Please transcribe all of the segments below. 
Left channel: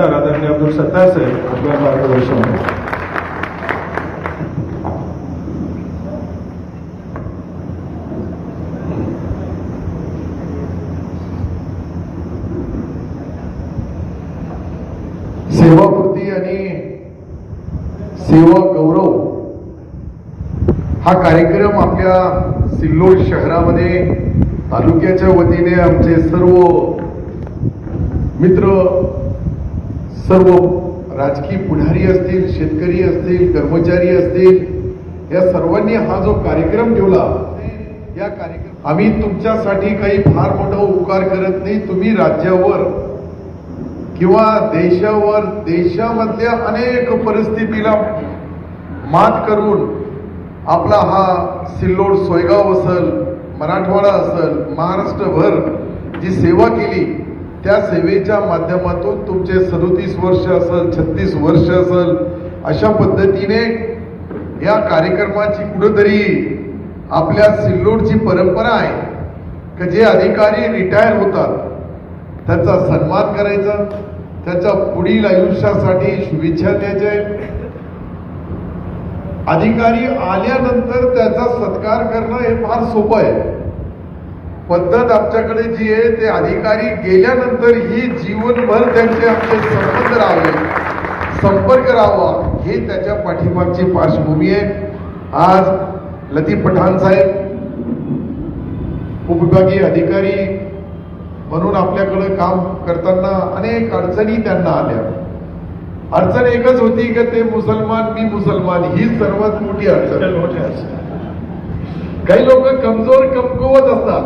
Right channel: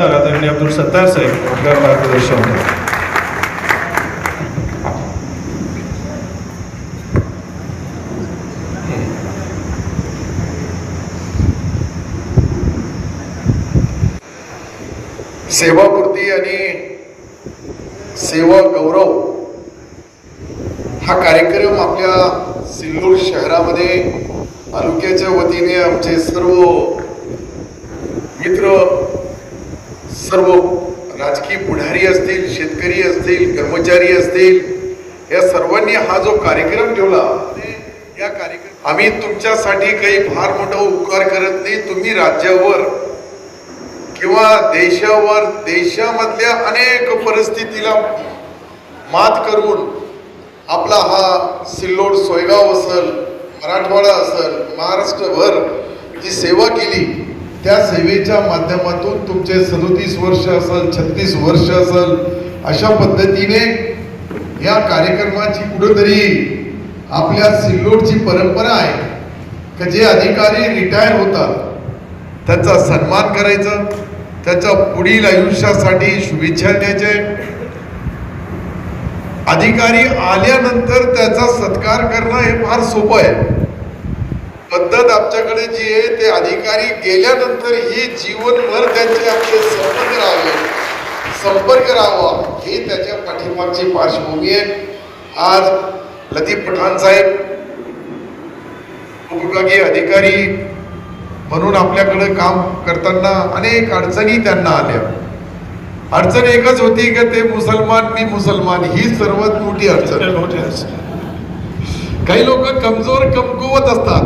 आमदार आदरणीय अब्दुल सत्तार साहेब आपल्या मार्गदर्शन. सेवापूर्ती आणि सेवा गौरव हा कार्यक्रम आपल्या सिल्लोड शहरामध्ये तालुक्याच्या वतीने आमचे सर्व मित्र, सर्व राजकीय पुढारी असतील, शेतकरी असतील, कर्मचारी असतील, या सर्वांनी हा जो कार्यक्रम ठेवला, या कार्यक्रम आम्ही तुमच्यासाठी काही फार मोठा उपकार करत नाही. तुम्ही राज्यावर किंवा देशावर, देशामधल्या अनेक परिस्थितीला मात करून आपला हा सिल्लोड, सोयगाव असेल, मराठवाडा असेल, महाराष्ट्रभर जी सेवा केली, त्या सेवेच्या माध्यमातून तुमचे 37 वर्ष असेल, 36 वर्ष असेल, अशा पद्धतीने या कार्यक्रमाची कुठेतरी आपल्या सिल्लोडची परंपरा आहे की जे अधिकारी रिटायर होतात त्यांचा सन्मान करायचा, त्याच्या पुढील आयुष्यासाठी शुभेच्छा द्यायचे, अधिकारी आल्यानंतर त्याचा सत्कार करणं हे फार सोपं आहे. पद्धत आमच्याकडे जी आहे ते अधिकारी गेल्यानंतर ही जीवनभर त्यांचे आपले संपर्क राहावा, हे त्याच्या पाठीमागची पार्श्वभूमी आहे. आज लतीफ पठाण साहेब उपविभागीय अधिकारी म्हणून आपल्याकडे काम करताना अनेक अडचणी त्यांना आल्या. अडचण एकच होती की ते मुसलमान, मी मुसलमान, ही सर्वात मोठी अडचण. काही लोक कमजोर, कमकुवत असतात.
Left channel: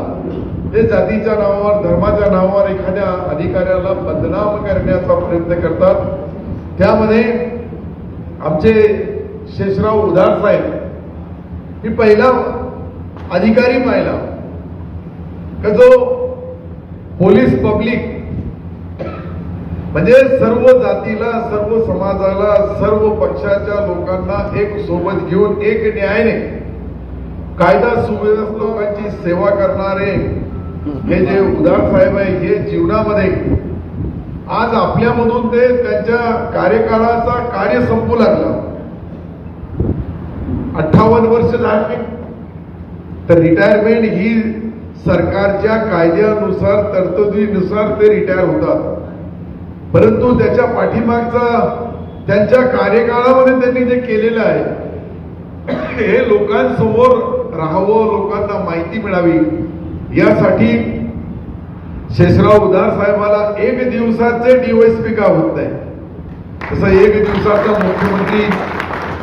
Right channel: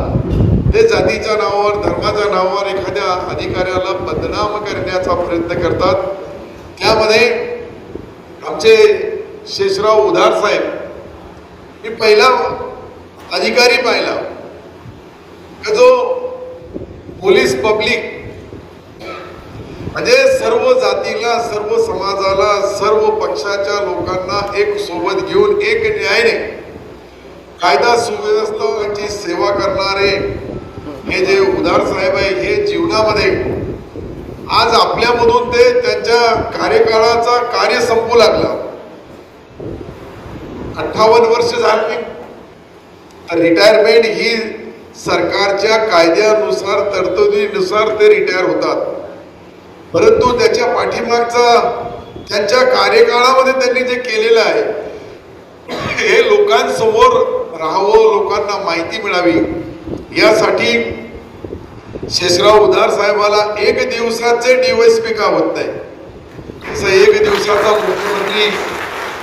ते जातीच्या नावावर, धर्माच्या नावावर एखाद्या अधिकाऱ्याला बदनाम करण्याचा प्रयत्न करतात. त्यामध्ये आमचे शेषराव उधार साहेब, मी पहिला अधिकारी पाहिला का जो पोलीस पब्लिक म्हणजे सर्व जातीला, सर्व समाजाला, सर्व पक्षाच्या लोकांना एक सोबत घेऊन एक न्यायाने कायदा सुव्यवस्थांची सेवा करणारे हे जे उधार साहेब आहे, हे जीवनामध्ये आज आपल्यामधून ते त्यांच्या कार्यकाळाचा कार्य संपू लागला. 58 वर्ष झाली तर रिटायरमेंट ही सरकारच्या कायद्यानुसार, तरतुदीनुसार ते रिटायर होतात. परंतु त्याच्या पाठीमागचा त्यांच्या कार्यकाळामध्ये त्यांनी जे केलेलं आहे हे लोकांसमोर राहावं, लोकांना माहिती मिळावी, यासाठी शेषराव उधार साहेबाला एक दिवसाचे DYSP का होत नाही, तसं एक दिवसाचा मुख्यमंत्री.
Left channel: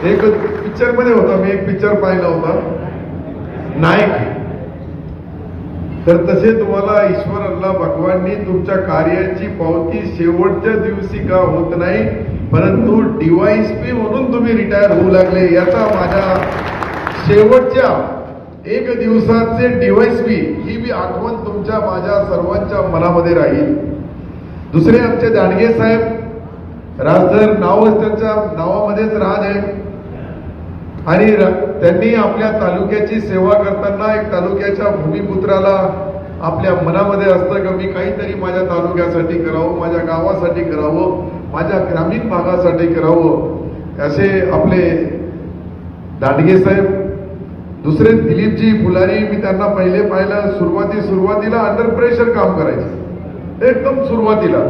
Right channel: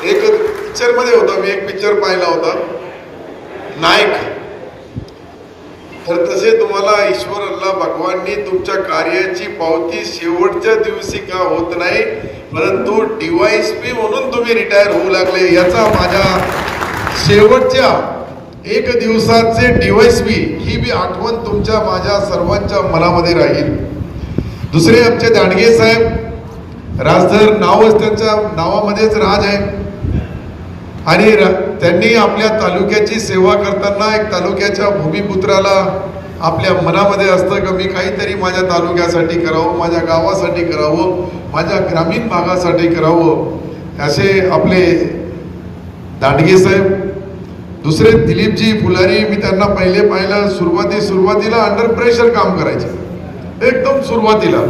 एक पिक्चर मध्ये होता, मी एक पिक्चर पाहिला होता नायक, तर तसे तुम्हाला ईश्वर अल्लाह भगवाननी तुमच्या कार्याची पावती शेवटच्या दिवशी का होत नाही, परंतु DYSP म्हणून तुम्ही रिटायर होऊ लागले, याचा माझ्या शेवटच्या एक दिवसाचे DYSP ही बी आठवण तुमच्या माझ्या सर्वांच्या मनामध्ये राहील. दुसरे आमचे दांडगे साहेब, राजधर नावच त्यांच्या नावामध्येच राज आहे, आणि त्यांनी आपल्या तालुक्याची सेवा करताना एक तालुक्याच्या भूमिपुत्राला आपल्या मनामध्ये असतं की मी काहीतरी माझ्या तालुक्यासाठी करावं, माझ्या गावासाठी करावं, माझ्या ग्रामीण भागासाठी करावं, असे आपले दांडगे साहेब. दुसरे दिलीपजी फुलारी, मी त्यांना पहिले पाहिलं सुरुवातीला अंडर प्रेशर काम करायचे, एकदम सुरुवातीला.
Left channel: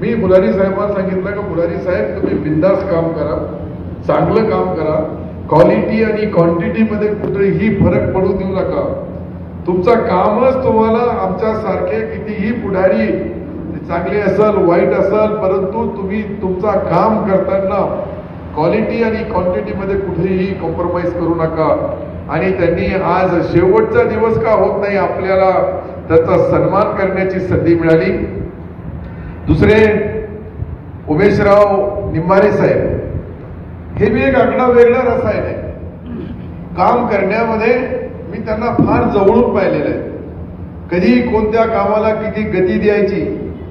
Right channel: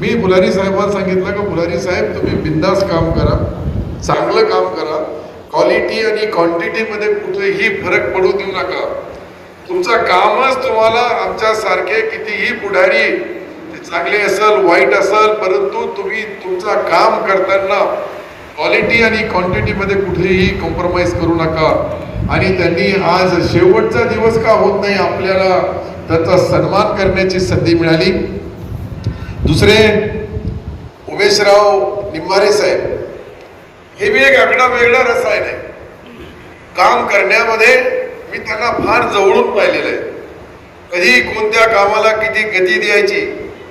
मी फुलारी साहेबांना सांगितलं की फुलारी साहेब तुम्ही बिंदास काम करा, चांगलं काम करा, क्वालिटी आणि क्वांटिटी मध्ये कुठेही फरक पडू देऊ नका. तुमचा कामच तुम्हाला आमच्या सारखे कितीही पुढारी चांगले असेल, वाईट असेल, परंतु तुम्ही तुमचा काम करताना क्वालिटी आणि क्वांटिटी मध्ये कुठेही कॉम्प्रोमाइज करू नका. आणि त्यांनी आज शेवटचा दिवस का होत नाही, आपल्याला त्याचा सन्मान करण्याची संधी मिळाली. दुसरे उमेशराव निंबारे साहेब, हे बी एक आगळा वेगळा रसायन आहे. काम करण्यामध्ये मी त्यांना फार जवळून पाहिलेलं आहे. कधी कोणत्या कामाला किती गती द्यायची,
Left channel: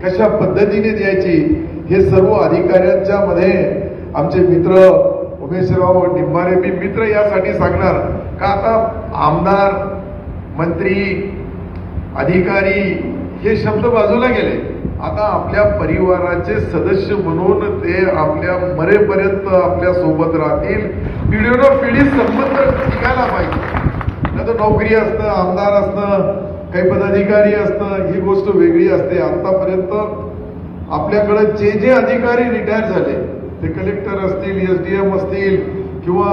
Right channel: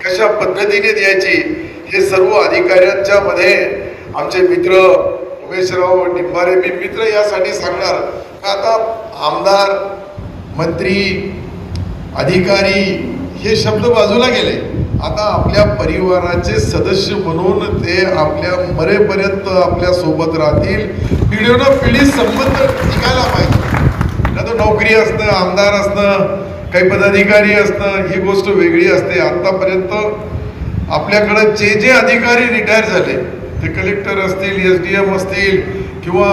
कशा पद्धतीने द्यायची, हे सर्व अधिकाऱ्यांच्या मध्ये आमचे मित्र उमेशराव निंबारे, मी मित्र यासाठी सांगणार का आता आमदार, मंत्री, अधिकारी हे शब्द बाजूला गेले. आता आपल्या परिवाराचे सदस्य म्हणून ते आपल्या मरेपर्यंत आपल्या सोबत राहतील. पिढीनं पिढी संबंध टिकायला पाहिजे. आता नोकरी असणं, आमदार असणं, काही पदाधिकारी असणं ही गोष्ट वेगळी असते. आतापर्यंत आपल्याकडे जे अधिकारी रिटायर झाले ते कलेक्टर असतील, SDM असतील किंवा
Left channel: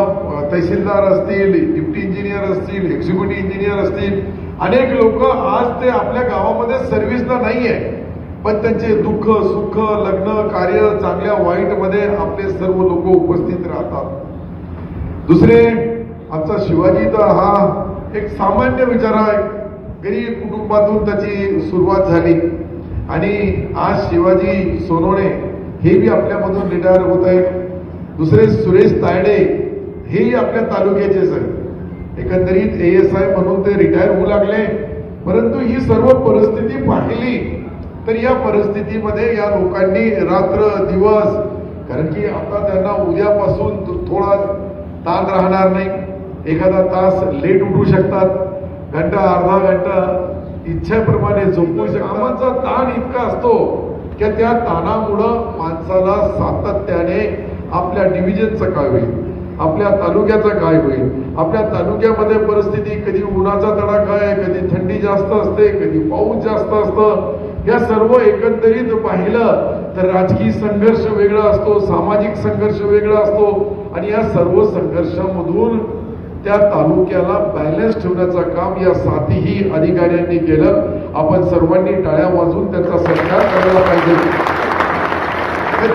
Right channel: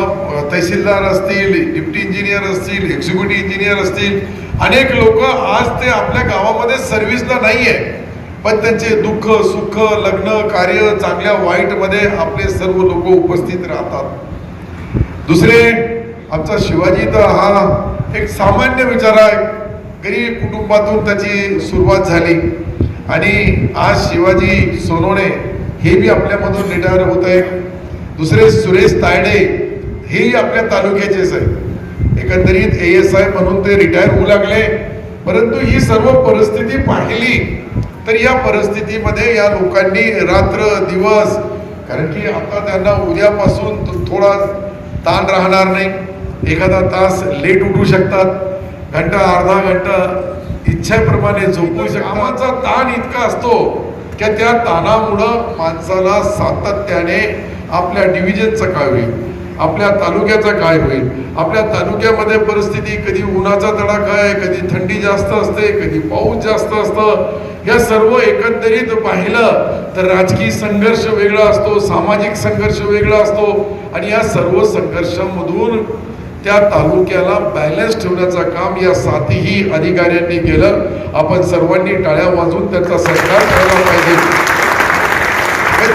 तहसीलदार असतील, डिप्टी इंजिनियर असतील, एक्झिक्युटिव्ह इंजिनियर असतील, अनेक लोक आज ते आपल्या गावामध्ये सर्व्हिसला नाही आहे, पण त्यांचे दुःख सुख लग्न कार्य चांगल्या वाईट मध्ये आपले सर्व लोक उपस्थित राहतात. दुसरे आमचा शिवाजी तर हा एक सामान्य विचारा गरीब कुटुंबातून त्याची सुरुवात झाली आणि आज शिवाजी सोनवणे हे बी आपल्यामधून रिटायर होत आहे. दुसरे सुरेश तायडे हेही आपल्या तालुक्याचेच आहेत. एकंदरीत ASI म्हणून ते रिटायर होऊ लागले. परंतु ही सर्व परिस्थिती पाहिली तर या परिस्थितीमध्ये या लोकांनी रात्र दिवस, कारण की आता त्यांना उद्यापासून थोडा ताण राहणार नाही. एखादा तास लेट उठू शकतात, घंटा अर्धा घंटा इच्छेप्रमाणे झोपू शकतात. कामाचा ताण इतका असतो की त्या ताणामुळं माणसाला सातत्याने आपल्या डिव्हिजनचं काय होईल, आपल्या तालुक्याचं काय होईल, आपल्या तालुक्यामध्ये परिस्थिती कधी उन्हाचा तडाखा आहे, कधी थंडी जास्त असते, कधी पाऊस जास्त असतं. या सर्व एकंदरीत पाहिलं तर राजकीय संघर्ष वेगळा असतो, सामाजिक संघर्ष वेगळा असतो आणि या सर्व संघर्षामधून त्या तालुक्याला बॅलन्स ठेवण्याचं काम या सातही अधिकाऱ्यांनी केलं. आपण सर्वांनी टाळ्या वाजवून त्यांचा सत्कार करायला पाहिजे.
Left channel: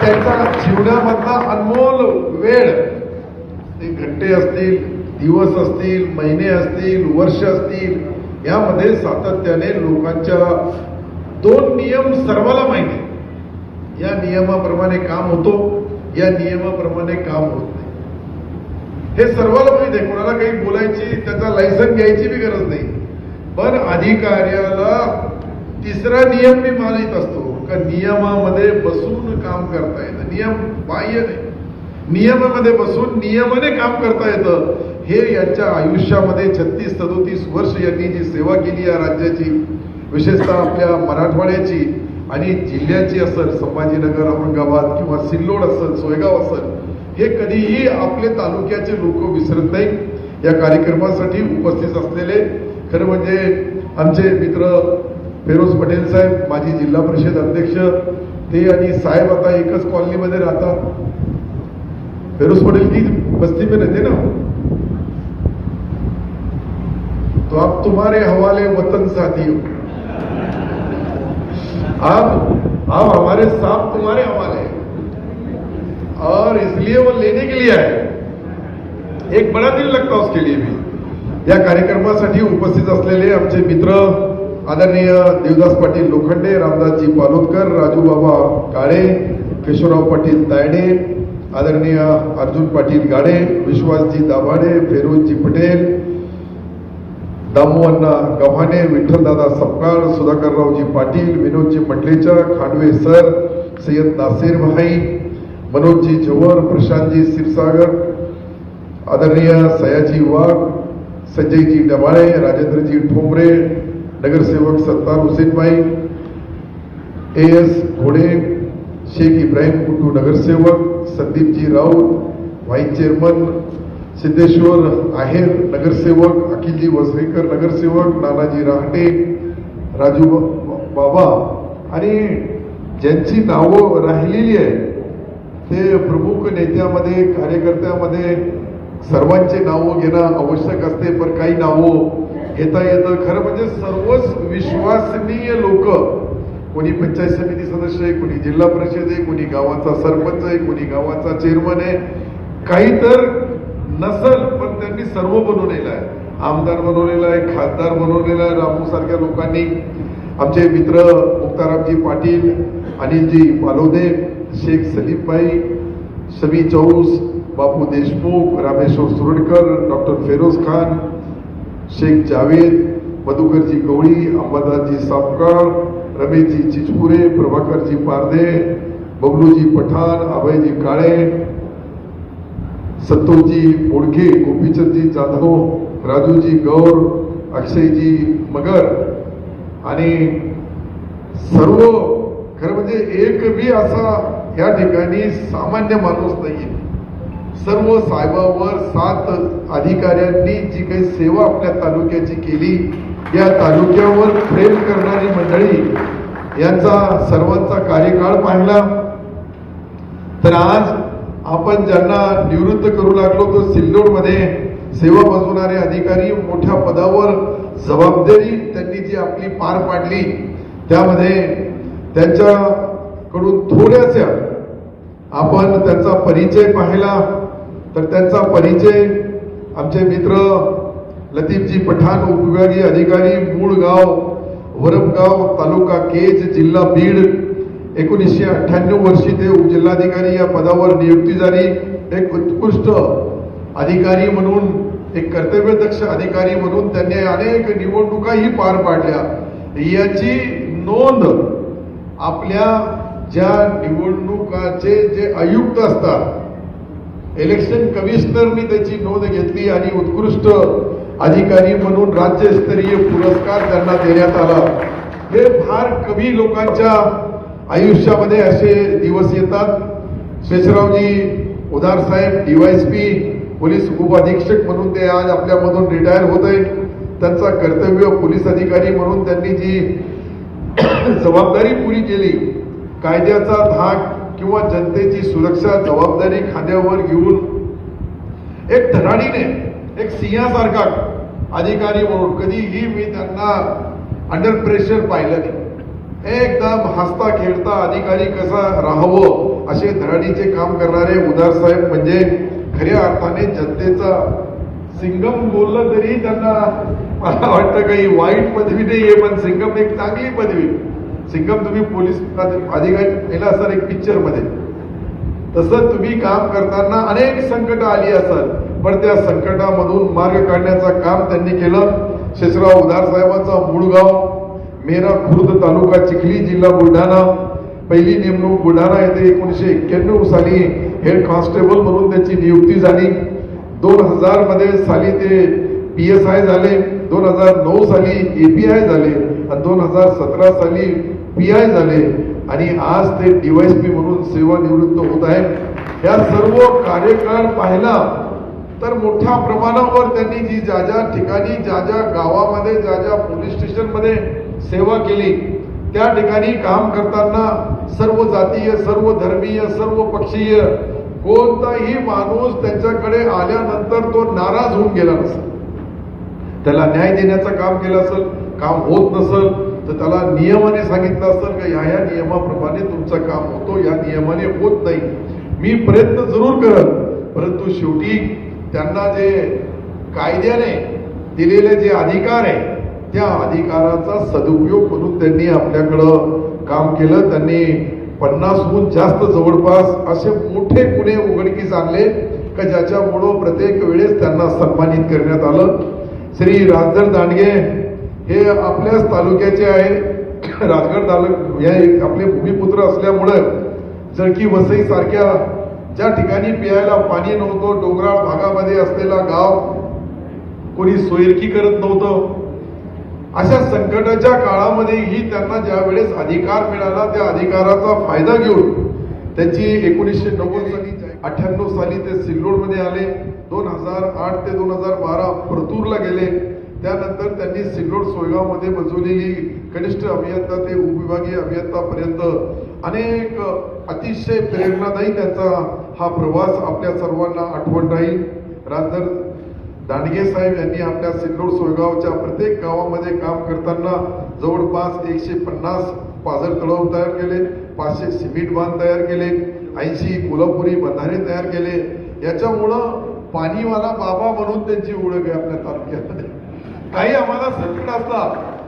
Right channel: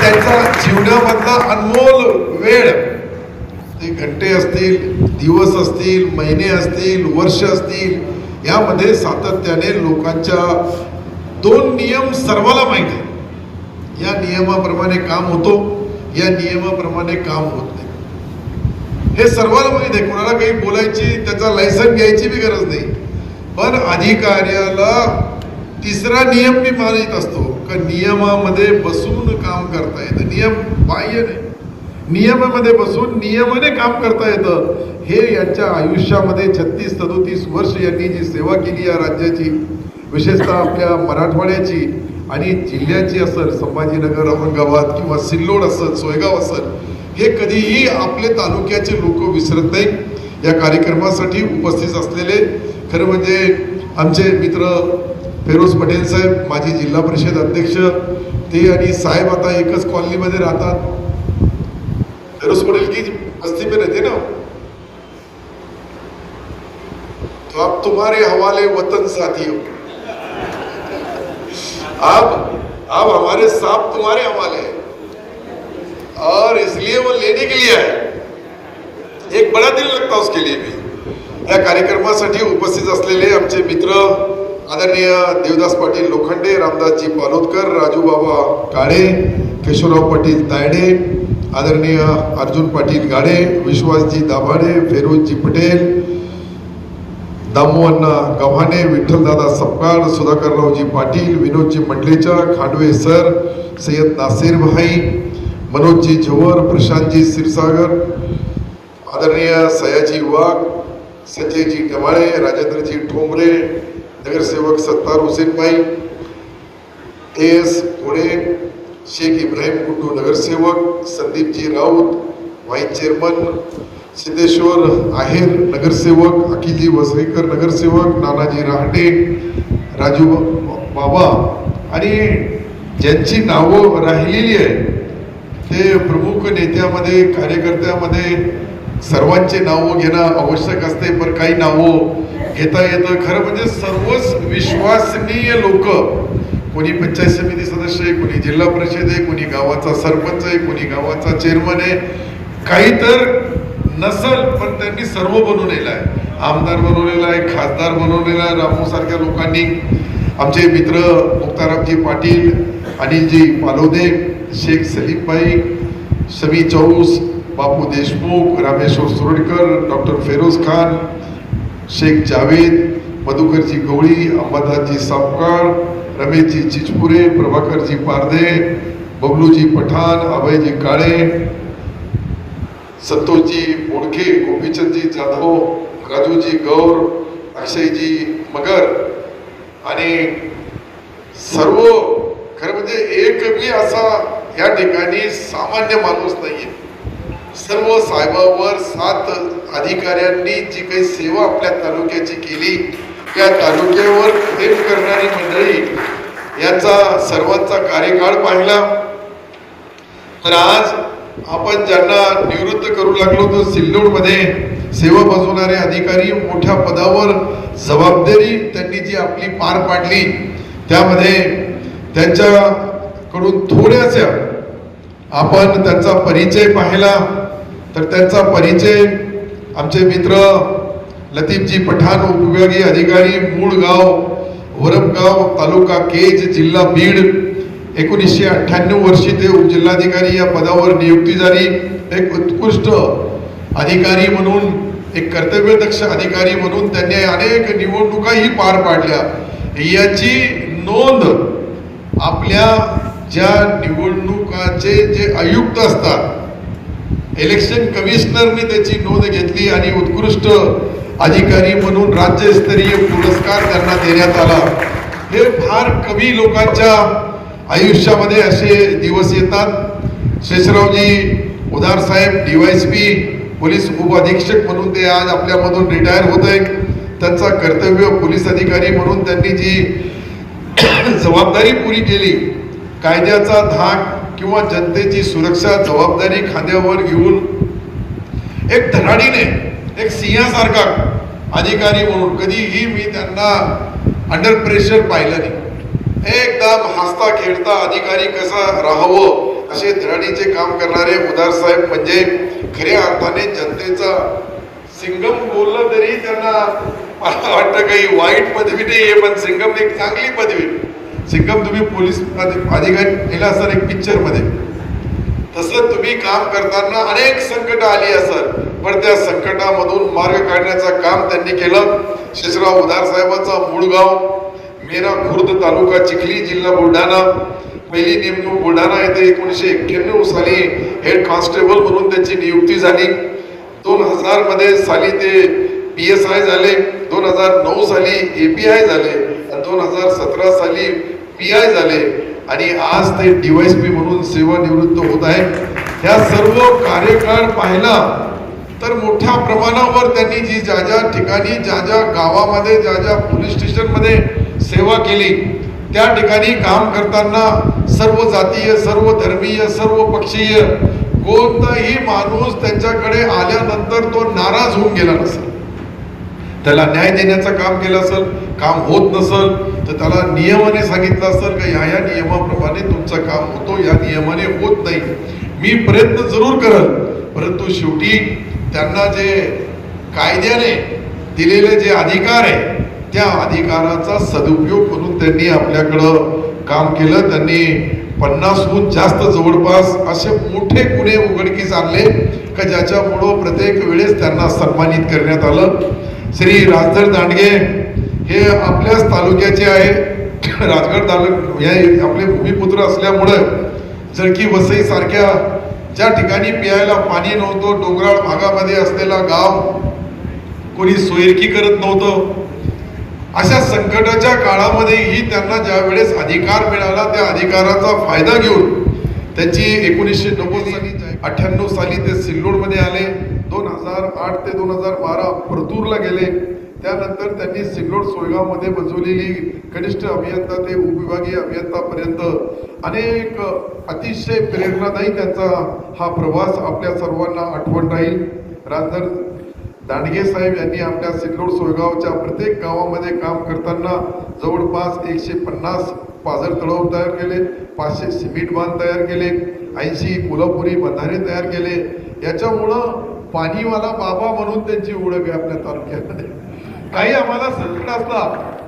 त्यांचा जीवनामधला अनमोल वेळ, ते घंटे असतील, दिवस असतील, महिने असतील, वर्ष असतील, यामध्ये सातत्याने लोकांच्या 2 नियम सर्वाला माहिती आहे. या नियमाप्रमाणे काम होतो, या नियमाप्रमाणे काम होत नाही, हे सर्वाला माहिती आहे. कोणाला काही बोलायची, त्याचा लायसन घ्यायची बी गरज नाही. पण अधिकाऱ्याला तिसरा नियम मी मानित असतो का नियमामध्ये बसून काम करता येतं. नियम बाह्य नाही, नियमामध्ये बसून नियमाने काम करता येतं. हे यांच्या आयुष्यामध्ये 36-37 वर्ष यांनी जी सेवा केली या राज्याची, विशेषतः आपल्या मराठवाड्याची आणि जिल्ह्याची असेल, संभाजीनगर, औरंगाबाद किंवा सिल्लोड असेल, सोयगाव असेल, हे कधीही आपले तालुक्याचे लोक विसरत नाही. या कार्यक्रमासाठी उपस्थित असलेले खरं म्हणजे आमचे मित्र फेरोज पटेल साहेब, माजी जिल्हा परिषद अध्यक्ष, ते आणि साहेब आता एकच कॉलनीमध्ये राहतात. फेरोज पटेल की बस्ती में रहते ना, तो आप तुम्हारे हवाले वतन साथियों, आप हमारे साथ तुम्हारे हवाले, और इसलिए वो लेने के लिए आए. एक बड़ा दिल लगता है उसके लिए भी. या कार्यक्रमासाठी उपस्थित असलेले आमचे मित्र आदरणीय देवदास पाटील लोखंडे, रामदासजी पालोदकर, राजूबाबा काळे, केशवराव पाटील तायडे, आदरणीय अर्जुन पाटील गाडे, विश्वासजी दाभाडे, फेरोजजी पटेल, दामोअण्णा गव्हाणे, विठ्ठलदादा सपकाळ, सुधाकररावजी पाटील, विनोदजी मंडलेचा, खांडवे सर, सय्यद नासिर भाई, मनोजजी झोवर, प्रशांतजी क्षीरसागर, आदरणीय सयाजी वाघ, संजयजी डवाळे, राजेंद्रजी ठोंबरे, नगरसेवक सत्तार हुसेनभाई, AS घोडे, शेख इब्राहिम गुड्डू नगरसेवक, संदीपजी राऊत, व्हाईस चेअरमन, सिद्धेश्वर आहेर नगरसेवक, अखिलजी वसरेकर नगरसेवक, नानाजी रहाटे, राजू बाबा आणि ज्यांची नावं राहिलेली आहे ते प्रमुख नेत्यामध्ये, कार्यकर्त्यामध्ये सर्वांचे नावं घेणं आवश्यक असते, पण काही नावं घेता येतं. खरं म्हणजे सर्वच विश्वसनीय लोक, कोणी पंचायत समिती सदस्य आहे, कोणी जिल्हा परिषद आहे, कोणी गावाचा सरपंच आहे, कोणी गावाचा चेअरमन आहे, काही तर नसल पण त्यांनी सर्व बनवलेलं आहे. आमदार बनवलेला आहे, खासदार बनवलेला आहे रामू सारख्या लोकांनी. आमचे मित्र मुक्तारामजी पाटील, अनिलजी पालोदे, शेख सलीमभाई, शमी चौस, बापू देशमुख, रामेश्वर सुरडकर, डॉक्टर फेरोज खान, शेख जावेद, मधुकरजी गवळी, अंबादासजी सापकाळ, रमेशजी चिचपुरे, प्रभाकरजी पारदे, बबलूजी पठाण, अभयजी काळे, संतोषजी ओळखे, गोपीचंदजी जाधव, राजूजी गौर, अक्षयजी मगर आणि सर्व खरं म्हणजे एक बी असा या ठिकाणी सामान्य माणूस नाहीये. सर्व साहेबांवर 7 अधिकाऱ्यांनी जी काही सेवा आपल्या तालुक्याची केली, या तालुक्यावर प्रेम करणारी मंडळी यांचा सर्वांचा कार्यकाळ पाहिला. तर आज आपण ज्यांना निवृत्त करू लागलो तो सिल्लोडमध्ये सेवा बजावणारे अधिकारी मोठ्या पदावर जबाबदारी त्यांनी जी आपली पार पाडली, त्यामध्ये त्यांच्याकडून थोड्याशा आपण त्यांचा परिचय पाहिला. तर त्यांचा परिचय आमचे मित्र लतीफजी पठाण, उपविभागीय अधिकारी, मूळ गाव वरपगाव, तालुका केज, जिल्हा बीड. 1998 वर्षी ते उपजिल्हाधिकारी या पदावर नियुक्ती झाली. एक उत्कृष्ट अधिकारी म्हणून, एक कर्तव्यदक्ष अधिकारी म्हणून त्यांनी अनेक निवडणुकाही पार पाडल्या. याची नोंद आपल्या ज्या निवडणुकाचे जे आयुक्त असतात, इलेक्शन कमिशनरनी त्याची नोंद घेतली आणि उत्कृष्ट अधिकारी म्हणून राज्यस्तरीय पुरस्कार त्यांना देण्यात आला. हे फार कमी लोकांच्या आयुष्यामध्ये असे दिवस येतात. शेषरावजी उदार साहेब DYSP पोलीस उपअधीक्षक म्हणून ते आज आपल्यामधून रिटायर होत आहेत. त्यांचा कर्तव्य पोलीस अधिकारी म्हणून त्यांनी जी जबाबदारी पुरी केली, कायद्याचा धाक किंवा जनतेची सुरक्षा जबाबदारी खांद्यावर घेऊन एक धडाडीने, एक सिंहासारखा अधिकारी म्हणून कधीही मी त्यांना अंडर प्रेशर पाहिलं नाही. एकदम हसता खेळता अधिकारी कसा राहावं असे धडाडीचे काम करणारे उदार साहेब म्हणजे खऱ्या अर्थाने जनतेचा सिंगम. बोललं तरी त्यांना वाटतं काही वाईट पदवी नाही, पण सिंगम एक चांगली पदवी. सिंगम तुम्ही पोलीस अधिकारी केला असाल एक पिक्चर मध्ये, तसं तुम्ही काम करताना अनेक संकट आली असेल, पण त्या संकटामधून मार्ग काढण्याचं काम त्यांनी केलं. शेषराव उदार साहेबांचा मूळ गाव मेरा खुर्द, तालुका चिखली, जिल्हा बुलढाणा. पहिली नेमणूक बुलढाणा येथे 1991 साली हेड कॉन्स्टेबल म्हणून त्याची नियुक्ती झाली. 2000 मध्ये साली ते PSI झाले, 2009 साली API झाले आणि 2017 साली PI झाले आणि आज ते DYSP म्हणून सेवानिवृत्त होत आहे. या सर्व कार्यकाळ पाहिला तर मोठ्या प्रमाणावर त्यांनी जी ज्या ठिकाणी ज्या गावामध्ये ज्या पोलीस स्टेशनमध्ये सेवा केली, त्या ठिकाणी काम करताना सर्व जातीय, सर्व धर्मीय, सर्व पक्षीय कोणताही माणूस त्यांच्याकडे आल्यानंतर तो नाराज होऊन गेला नसेल. त्याला न्याय देण्याचं काम केलं असेल, काम होत नसेल तर त्याला नियमाने सांगितलं असेल का या नियमाप्रमाणे तुमचं काम होतो, या नियमाने होत नाही. मी प्रयत्न जरूर करल, परंतु शेवटी त्यांना जे कायद्याने दिलेले जे अधिकार आहे त्या अधिकाराचा सदुपयोग म्हणून त्यांनी आपल्याकडं काम केलं. त्यांनी 50हून जास्त जवळपास असे मोठे गुन्हे उघडकीस आणले का ज्याच्यामुळं प्रत्येक वेळेस त्यांना सन्मानित करण्यात आलं. श्री राजधर दांडगे हे आपल्याच तालुक्याचे आहे. राजगड तालुका हे आपले भूमिपुत्र असल्यामुळं जळकी वसई सारख्या ज्या ठिकाणी प्यायला पाणी नव्हतं, डोंगराळ भागामध्ये असलेला गाव, कोणी सोयरकी करत नव्हतं, अशा संकटाच्या काळामध्येही त्यांना ज्या वेळेस अधिकार मिळाला त्या अधिकाराचा फायदा घेऊन त्यांची 1998 साली ते सिल्लोडमध्ये आले. 2008 ते 2012 परतूरला गेले. त्यानंतर त्यांनी सिल्लोड सोयगावमध्ये बजवलेली कनिष्ठ अभियंता ते उपविभागीय अभियंतापर्यंत अनेक अतिशय प्रेरणादायी त्यांचा हा प्रवास आपल्या सर्वांना आठवण राहील. राजधर दांडगे साहेब यांनी आपल्या सिल्लोड सोयगावच्या प्रत्येक गावामध्ये काम करताना जवळपास 150 पाझर तलाव तयार केले, 500 सिमेंट बांध तयार केले, 80 कोल्हापुरी बंधारे तयार केले. याच्यामुळं पाणीवाला बाबा म्हणून त्यांची ओळख आहे आपल्या तालुक्यामध्ये. काही आम्हाला संकट असला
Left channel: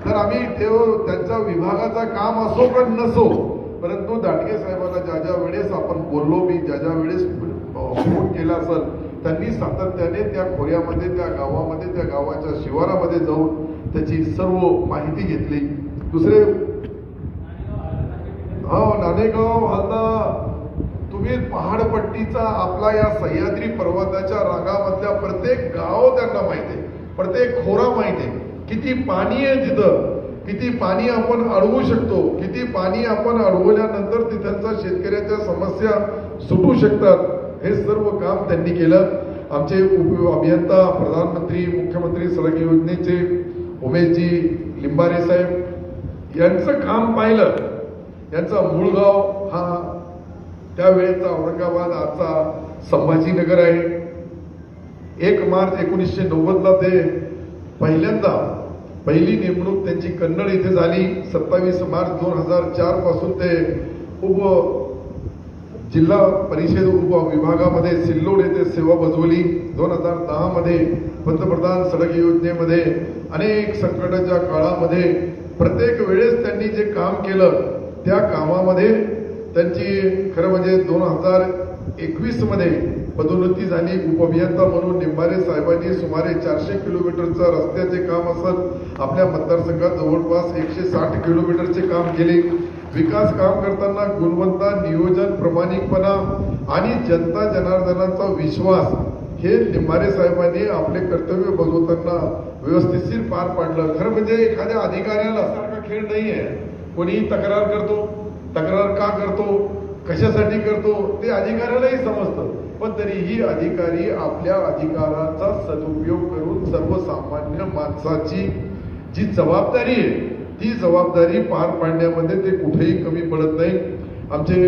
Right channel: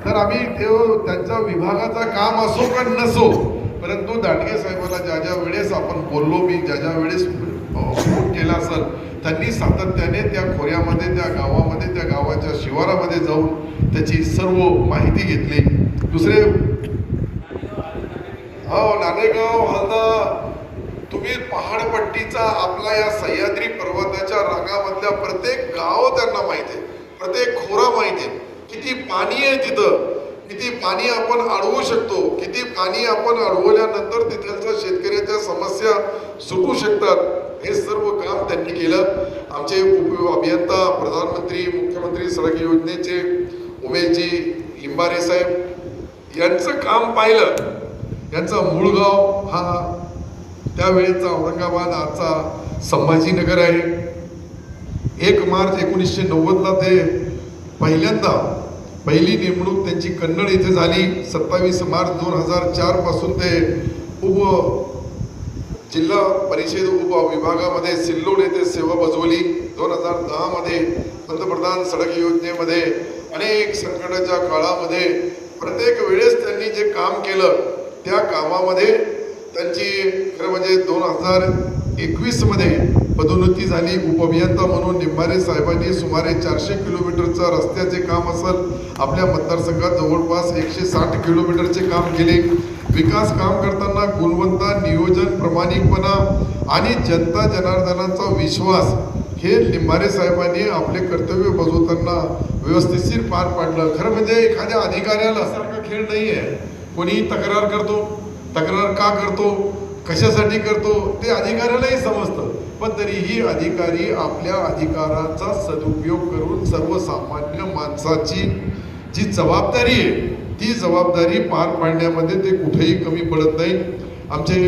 तर आम्ही त्यांच्या विभागाचा काम असो का नसो, परंतु दांडगे साहेबांना ज्या वेळेस आपण बोललो, मी ज्या वेळेस फोन केला असेल, त्यांनी सातत्याने त्या खोऱ्यामध्ये, त्या गावामध्ये, त्या गावाच्या शिवारामध्ये जाऊन त्याची सर्व माहिती घेतली. दुसरे नाणेगाव हलदा, तुम्ही पहाडपट्टीचा आपला या सह्याद्री पर्वताच्या रांगामधल्या प्रत्येक गाव त्यांना माहिती आहे, प्रत्येक खोरा माहिती आहे, किती पाणी आहे तिथं, किती पाणी आपण अडवू शकतो, किती पाणी आपण अडवल्यानंतर तिथलच्या शेतकऱ्याच्या समस्या सुटू शकतात, हे सर्व काम त्यांनी केलं. आमचे अभियंता, प्रधानमंत्री, मुख्यमंत्री सडक योजनेचे उमेशजी लिंबारे साहेब यांचं काम पाहिलं. यांचा मूळ गाव हा त्यावेळेचा औरंगाबाद, आजचा संभाजीनगर आहे. 1 मार्च 1990 ते पहिली नेमणूक त्यांची कन्नड येथे झाली. 27 मार्च 2004 पासून ते जिल्हा परिषद उपविभागामध्ये सिल्लोड येथे सेवा बजावली. 2010 मध्ये पंतप्रधान सडक योजनेमध्ये अनेक संकटाच्या काळामध्ये प्रत्येक वेळेस त्यांनी जे काम केलं त्या कामामध्ये त्यांची खरं म्हणजे 2021 मध्ये पदोन्नती झाली. उपअभियंता म्हणून निंबारे साहेबांनी सुमारे 400 किलोमीटरचा रस्त्याचे काम असेल, आपल्या मतदारसंघात जवळपास 160 किलोमीटरचे काम केले. विकास काम करताना गुणवत्ता, नियोजन, प्रामाणिकपणा आणि जनता जनार्दनाचा विश्वास हे लिंबारे साहेबांनी आपले कर्तव्य बजावताना व्यवस्थितशीर पार पाडलं. खरं म्हणजे एखाद्या अधिकाऱ्याला सारखा खेळ नाही आहे. कोणी तक्रार करतो, तक्रार का करतो, कशासाठी करतो ते अधिकाऱ्यालाही समजतं, पण तरीही अधिकारी आपल्या अधिकाराचा सदुपयोग करून सर्वसामान्य माणसाची जी जबाबदारी आहे ती जबाबदारी पार पाडण्यामध्ये ते कुठेही कमी पडत नाही. आमचे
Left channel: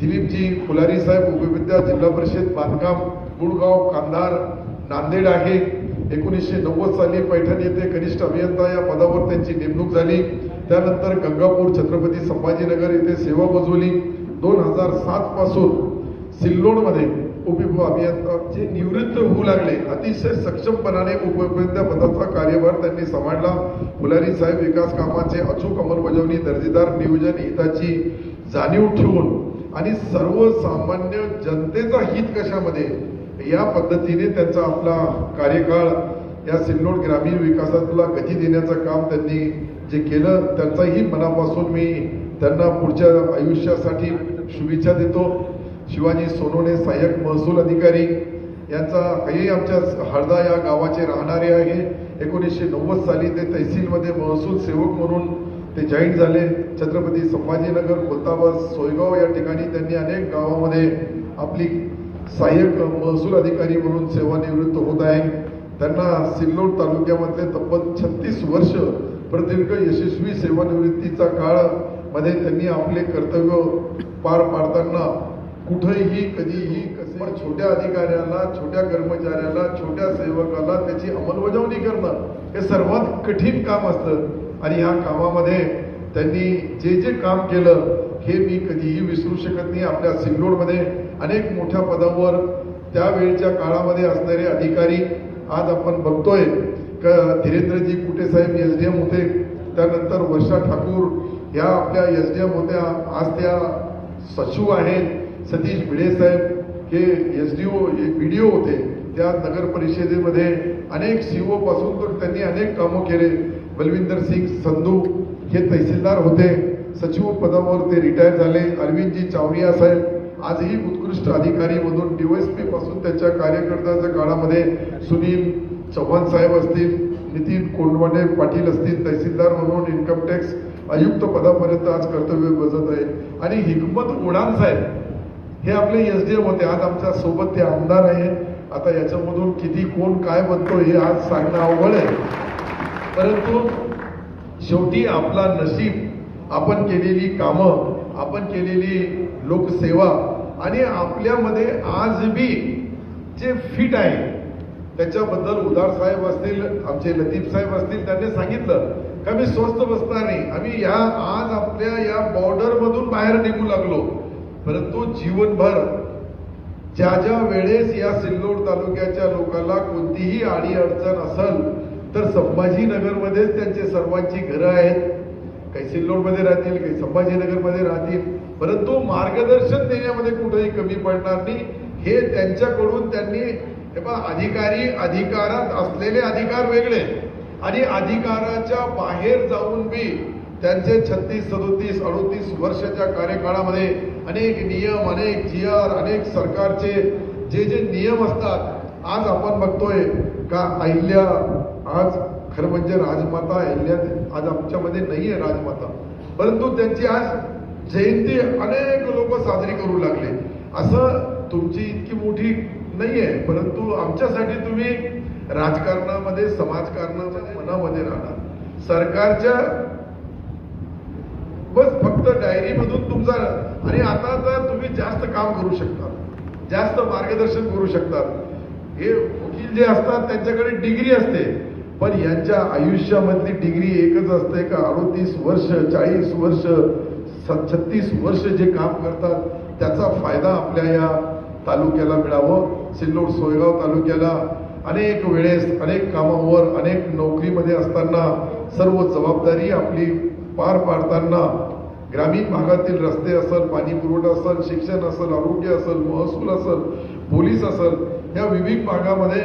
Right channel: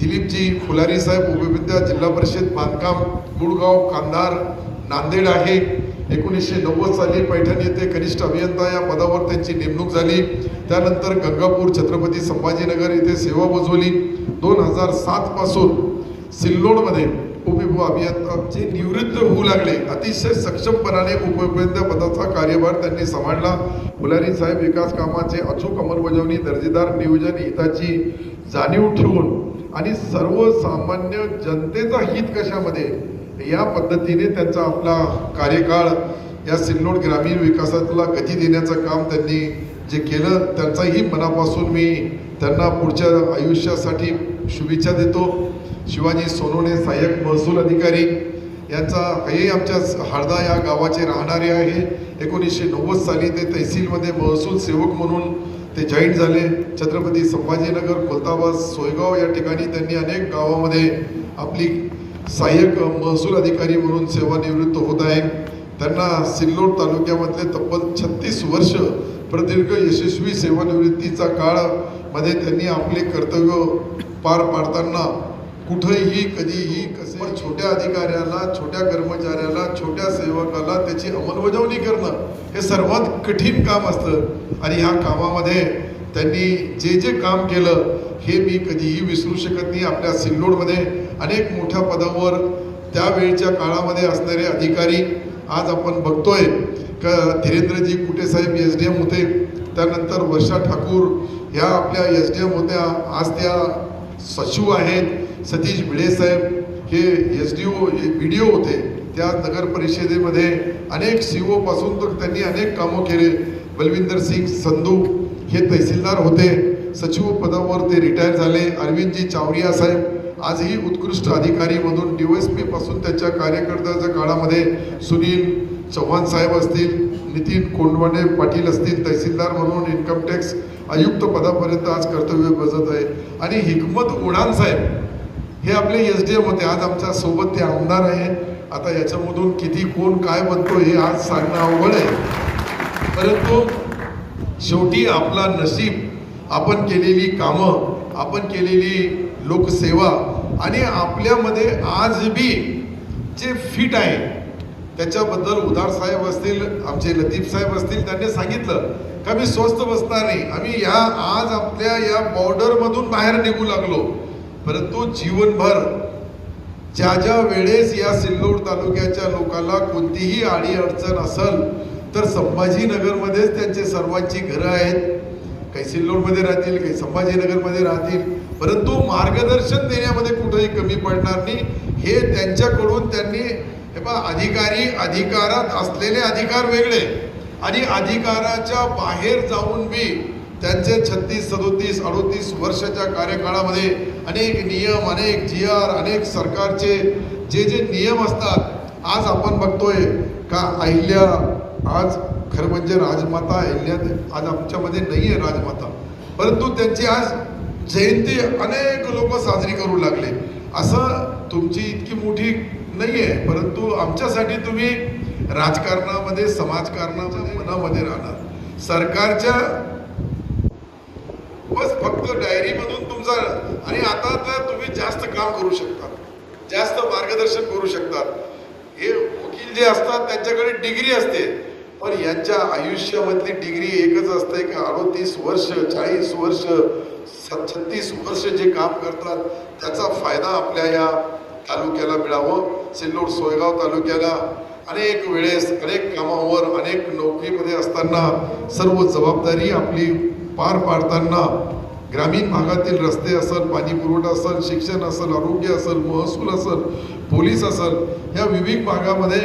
दिलीपजी फुलारी साहेब उपविद्या जिल्हा परिषद बांधकाम, मुळगाव, कांधार, नांदेड आहे. 1990 साली पैठण येथे कनिष्ठ अभियंता या पदावर त्यांची नेमणूक झाली. त्यानंतर गंगापूर, छत्रपती संभाजीनगर येथे सेवा बजावली. 2007 पासून सिल्लोडमध्ये उपअभियंताचे निवृत्त होऊ लागले. अतिशय सक्षमपणाने उपअभियंता पदाचा कार्यभार त्यांनी सांभाळला. फुलारी साहेब विकास कामाचे अचूक अंमलबजावणी, दर्जेदार नियोजन, हिताची जाणीव ठेवून आणि सर्वसामान्य जनतेचा हित कशामध्ये या पद्धतीने त्यांचा आपला कार्यकाळ या सिल्लोड ग्रामीण विकासाला गती देण्याचं काम त्यांनी जे केलं त्यांचाही मनापासून मी त्यांना पुढच्या आयुष्यासाठी शुभेच्छा देतो. शिवाजी सोनवणे सहाय्यक महसूल अधिकारी यांचा हेही आमच्या हळदा या गावाचे राहणारे आहे. 1990 साली ते तहसीलमध्ये महसूल सेवक म्हणून ते जॉईन झाले. छत्रपती संभाजीनगर, खोलताबाद, सोयगाव या ठिकाणी त्यांनी अनेक गावामध्ये आपली सहाय्यक महसूल अधिकारी म्हणून सेवानिवृत्त होत आहे. त्यांना सिल्लोड तालुक्यामधले तब्बल 36 वर्ष प्रदीर्घ यशस्वी सेवानिवृत्तीचा काळ मध्ये त्यांनी आपले कर्तव्य पार पाडताना कुठेही कधीही कसे छोट्या अधिकाऱ्याला, छोट्या कर्मचाऱ्याला, छोट्या सेवकाला त्याची अंमलबजावणी करणं हे सर्वात कठीण काम असतं. आणि ह्या कामामध्ये त्यांनी जे जे काम केलं हे मी कधीही विसरू शकत नाही. आपल्या सिल्लोडमध्ये अनेक मोठ्या पदावर त्यावेळच्या काळामध्ये असणारे अधिकारी आज आपण बघतोय का धीरेंद्रजी कुटे साहेब SDM होते, त्यानंतर वर्षा ठाकूर या आपल्या SDM होत्या, आज त्या सचिव आहेत. सतीश भिडे साहेब हे SDO BDO होते, त्या नगर परिषदेमध्ये अनेक CO पासून तर त्यांनी अनेक कामं केले. बलविंदर सिंग संधू हे तहसीलदार होते, सचिव पदावर ते रिटायर झाले. अरविंदजी चावरिया साहेब आजही उत्कृष्ट अधिकारी मधून DYSP पासून त्यांच्या कार्यकर्त्याच्या काळामध्ये सुनील चव्हाण साहेब असतील, नितीन कोंडवाडे पाटील असतील, तहसीलदार म्हणून इन्कम टॅक्स आयुक्त पदापर्यंत आज कर्तव्य बजावत आहे. आणि हिकमत उडान साहेब हे आपले SDM होते, आज आमच्या सोबत ते आमदार आहेत. आता याच्यामधून किती कोण काय बनतो हे आज सांगणं अवघड आहे, परंतु शेवटी आपला नशीब, आपण केलेली कामं, आपण केलेली लोकसेवा आणि आपल्यामध्ये आज बी जे फिट आहे त्याच्याबद्दल उदार साहेब असतील, आमचे लतीफ साहेब असतील, त्यांनी सांगितलं का मी स्वस्त बसणार नाही. आम्ही या आज आपल्या या बॉर्डरमधून बाहेर निघू लागलो, परंतु जीवनभर ज्या ज्या वेळेस या सिल्लोड तालुक्याच्या लोकांना कोणतीही अडी अडचण असेल तर संभाजीनगरमध्येच त्यांचे सर्वांची घरं आहेत. काही सिल्लोडमध्ये राहतील, काही संभाजीनगरमध्ये राहतील, परंतु मार्गदर्शन देण्यामध्ये कुठेही कमी पडणार नाही. हे त्यांच्याकडून त्यांनी अधिकारी, अधिकारात असलेले अधिकार वेगळे आणि अधिकाराच्या बाहेर जाऊन बी त्यांचे 36, 37, 38 वर्षाच्या कार्यकाळामध्ये अनेक नियम, अनेक GR, अनेक सरकारचे जे जे नियम असतात. आज आपण बघतोय का अहिल्या आज खरं म्हणजे राजमाता अहिल्या आज आमच्यामध्ये नाही आहे राजमाता, परंतु त्यांची आज जयंती अनेक लोक साजरी करू लागले. असं तुमची इतकी मोठी नाही आहे, परंतु आमच्यासाठी तुम्ही राजकारणामध्ये समाजकारणाच्या मनामध्ये राहणार. सरकारच्या बस फक्त डायरीमधून तुमचा, आणि आता तर तुम्ही जास्त काम करू शकता, जास्त मार्गदर्शन करू शकतात. हे वकील जे असतात त्यांच्याकडे डिग्री असते, पण यांच्या आयुष्यामधली डिग्री एकच असते का 38 वर्ष 40 वर्ष 36 वर्ष जे काम करतात त्याचा फायदा आपल्या या तालुक्याला मिळावं. सिल्लोड सोयगाव तालुक्याला अनेक वेळेस अनेक कामावर अनेक नोकरीमध्ये असताना सर्व जबाबदारी आपली पार पाडताना ग्रामीण भागातील रस्ते असेल, पाणी पुरवठा असेल, शिक्षण असेल, आरोग्य असेल, महसूल असेल, पोलीस असेल, या विविध भागामध्ये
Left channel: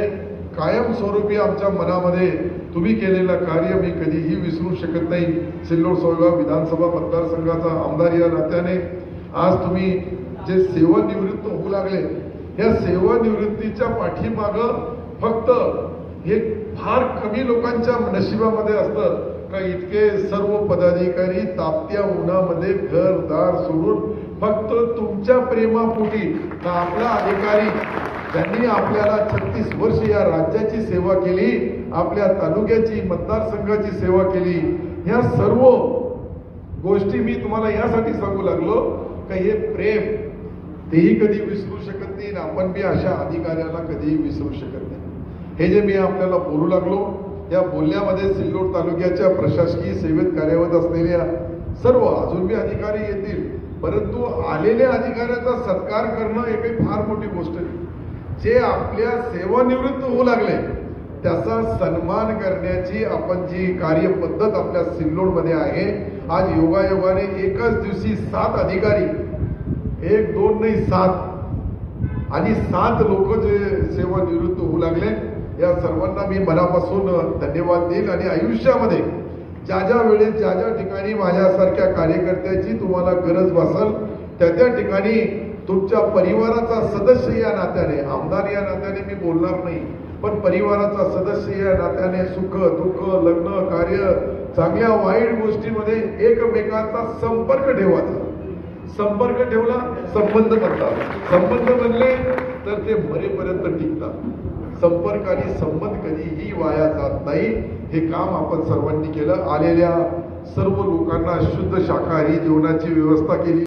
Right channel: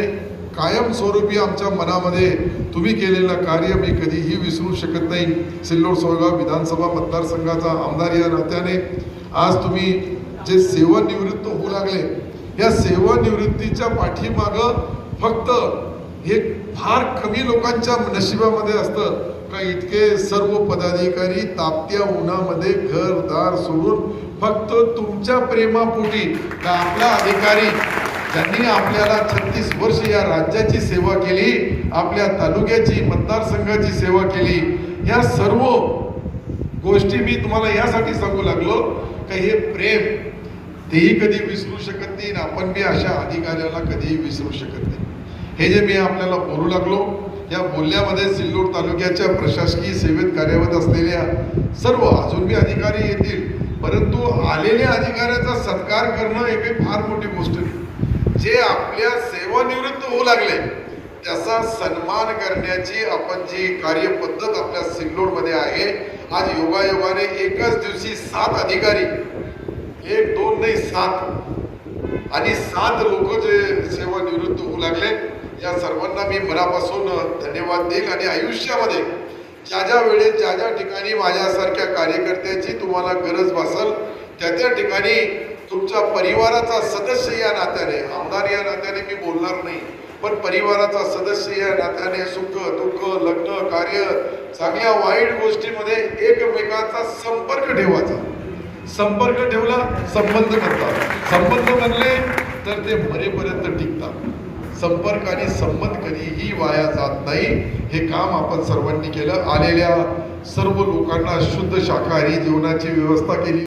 कायमस्वरूपी आमच्या मनामध्ये तुम्ही केलेलं कार्य मी कधीही विसरू शकत नाही. सिल्लोड सोयगाव विधानसभा मतदारसंघाचा आमदार या नात्याने आज तुम्ही जे सेवानिवृत्त होऊ लागले, या सेवानिवृत्तीच्या पाठीमागं फक्त हे फार कमी लोकांच्या नशिबामध्ये असतं का इतके सर्व पदाधिकारी तापत्या उन्हामध्ये घरदार सोडून फक्त तुमच्या प्रेमापोटी का आपला अधिकारी ज्यांनी आपल्याला 36 वर्ष या राज्याची सेवा केली, आपल्या तालुक्याची मतदारसंघाची सेवा केली, या सर्व गोष्टी मी तुम्हाला यासाठी सांगू लागलो का हे प्रेम तेही कधी विसरू शकत नाही, आपण बी अशा अधिकाऱ्याला कधीही विसरू शकत नाही. हे जे मी आपल्याला बोलू लागलो, या बोलण्यामध्ये सिल्लोड तालुक्याच्या प्रशासकीय सेवेत कार्यरत असलेल्या सर्व अजून बी अधिकारी येतील, परंतु आलेल्या अधिकाऱ्याचा सत्कार करणं हे काही फार मोठी गोष्ट नाही. जे आपल्या सेवानिवृत्त होऊ लागले त्याचा सन्मान करण्याची आपण जी कार्यपद्धत आपल्या सिल्लोडमध्ये आहे, आज योगायोगाने एकच दिवशी 7 अधिकारी, 1 2 नाही 7 आणि 7 लोक जे सेवानिवृत्त होऊ लागले, या सर्वांना मी मनापासून धन्यवाद देईल. आणि आयुष्यामध्ये ज्या ज्या वेळेस ज्या ज्या ठिकाणी माझ्यासारख्या कार्यकर्त्याची तुम्हाला गरज भासेल त्या त्या ठिकाणी तुमच्या परिवाराचा सदस्य या नात्याने, आमदार या नात्याने मी बोलणार नाही, पण परिवाराचा सदस्य या नात्याने सुख दुःख लग्न कार्य चांगल्या वाईट गोष्टीमध्ये एकमेकांचा संपर्क ठेवायचा. संपर्क ठेवला संबंध करतात, संबंध बनले तर ते मरेपर्यंत टिकतात. संपर्क आणि संबंध कधीही वाया जात नाही. हे काम आपण सर्वांनी केलं. आलेल्या सर्व लोकांना शुद्ध शाकाहारी जेवणाची व्यवस्था केली.